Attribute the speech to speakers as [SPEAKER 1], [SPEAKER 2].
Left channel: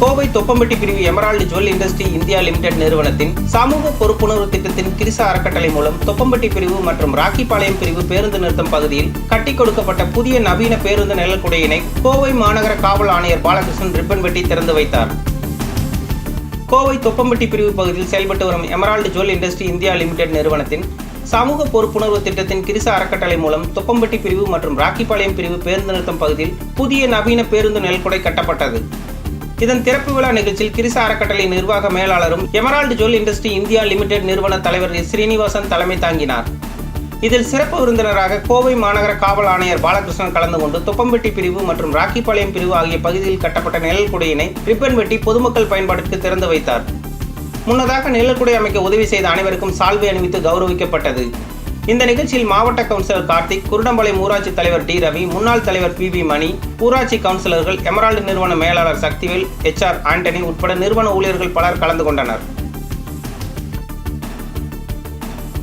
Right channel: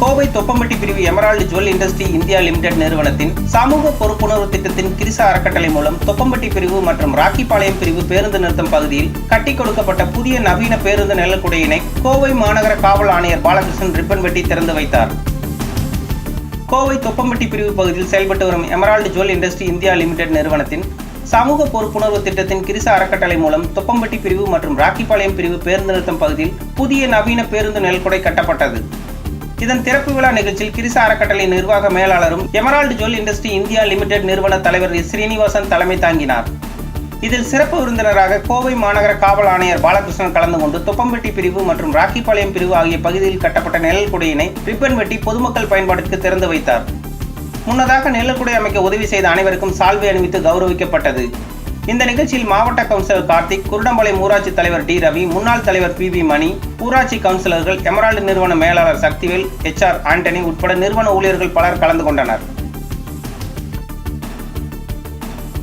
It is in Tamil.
[SPEAKER 1] கோவை தொப்பம்பட்டி பிரிவு Emerald Jewel Industry India Limited நிறுவனத்தின் சமூக பொறுப்புணர்வு திட்டத்தின் கிரிசா அறக்கட்டளை மூலம் தொப்பம்பட்டி பிரிவு மற்றும் ராக்கிபாளையம் பிரிவு பேருந்து நிறுத்தம் பகுதியில் கட்டி கொடுக்கப்பட்ட புதிய நவீன பேருந்து நிழல்குடையினை கோவை மாநகர காவல் ஆணையர் பாலகிருஷ்ணன் ரிப்பன் வெட்டி திறந்து வைத்தார். கோவை தொப்பம்பட்டி பிரிவு பகுதியில் செயல்பட்டு வரும் Emerald Jewel Industry India Limited நிறுவனத்தின் சமூக பொறுப்புணர்வு திட்டத்தின் கிரிசா அறக்கட்டளை மூலம் தொப்பம்பட்டி பிரிவு மற்றும் ராக்கிபாளையம் பிரிவு பேருந்து நிறுத்தம் பகுதியில் புதிய நவீன பேருந்து நெல்குடை கட்டப்பட்டது. இதன் திறப்பு விழா நிகழ்ச்சியில் கிரிச அறக்கட்டளை நிர்வாக மேலாளரும் Emerald Jewel Industry India Limited நிறுவன தலைவர் ஸ்ரீனிவாசன் தலைமை தாங்கினார். இதில் சிறப்பு விருந்தினராக கோவை மாநகர காவல் ஆணையர் பாலகிருஷ்ணன் கலந்து கொண்டு தொப்பம்பட்டி பிரிவு மற்றும் ராக்கிபாளையம் பிரிவு ஆகிய பகுதியில் கட்டப்பட்ட நிழல் குடையினை ரிப்பன் வெட்டி பொதுமக்கள் பயன்பாட்டிற்கு திறந்து வைத்தார். முன்னதாக நிழல்குடை அமைக்க உதவி செய்த அனைவருக்கும் சால்வை அணிவித்து கௌரவிக்கப்பட்டது. இந்த நிகழ்ச்சியில் மாவட்ட கவுன்சிலர் கார்த்திக் குருடம்பாளையம் ஊராட்சி தலைவர் டி ரவி முன்னாள் தலைவர் பி பி மணி ஊராட்சி கவுன்சிலர்கள் எமரால்டு நிறுவன மேலாளர் சக்திவேல் எச் ஆர் ஆண்டனி உட்பட நிறுவன ஊழியர்கள் பலர் கலந்து கொண்டனர்.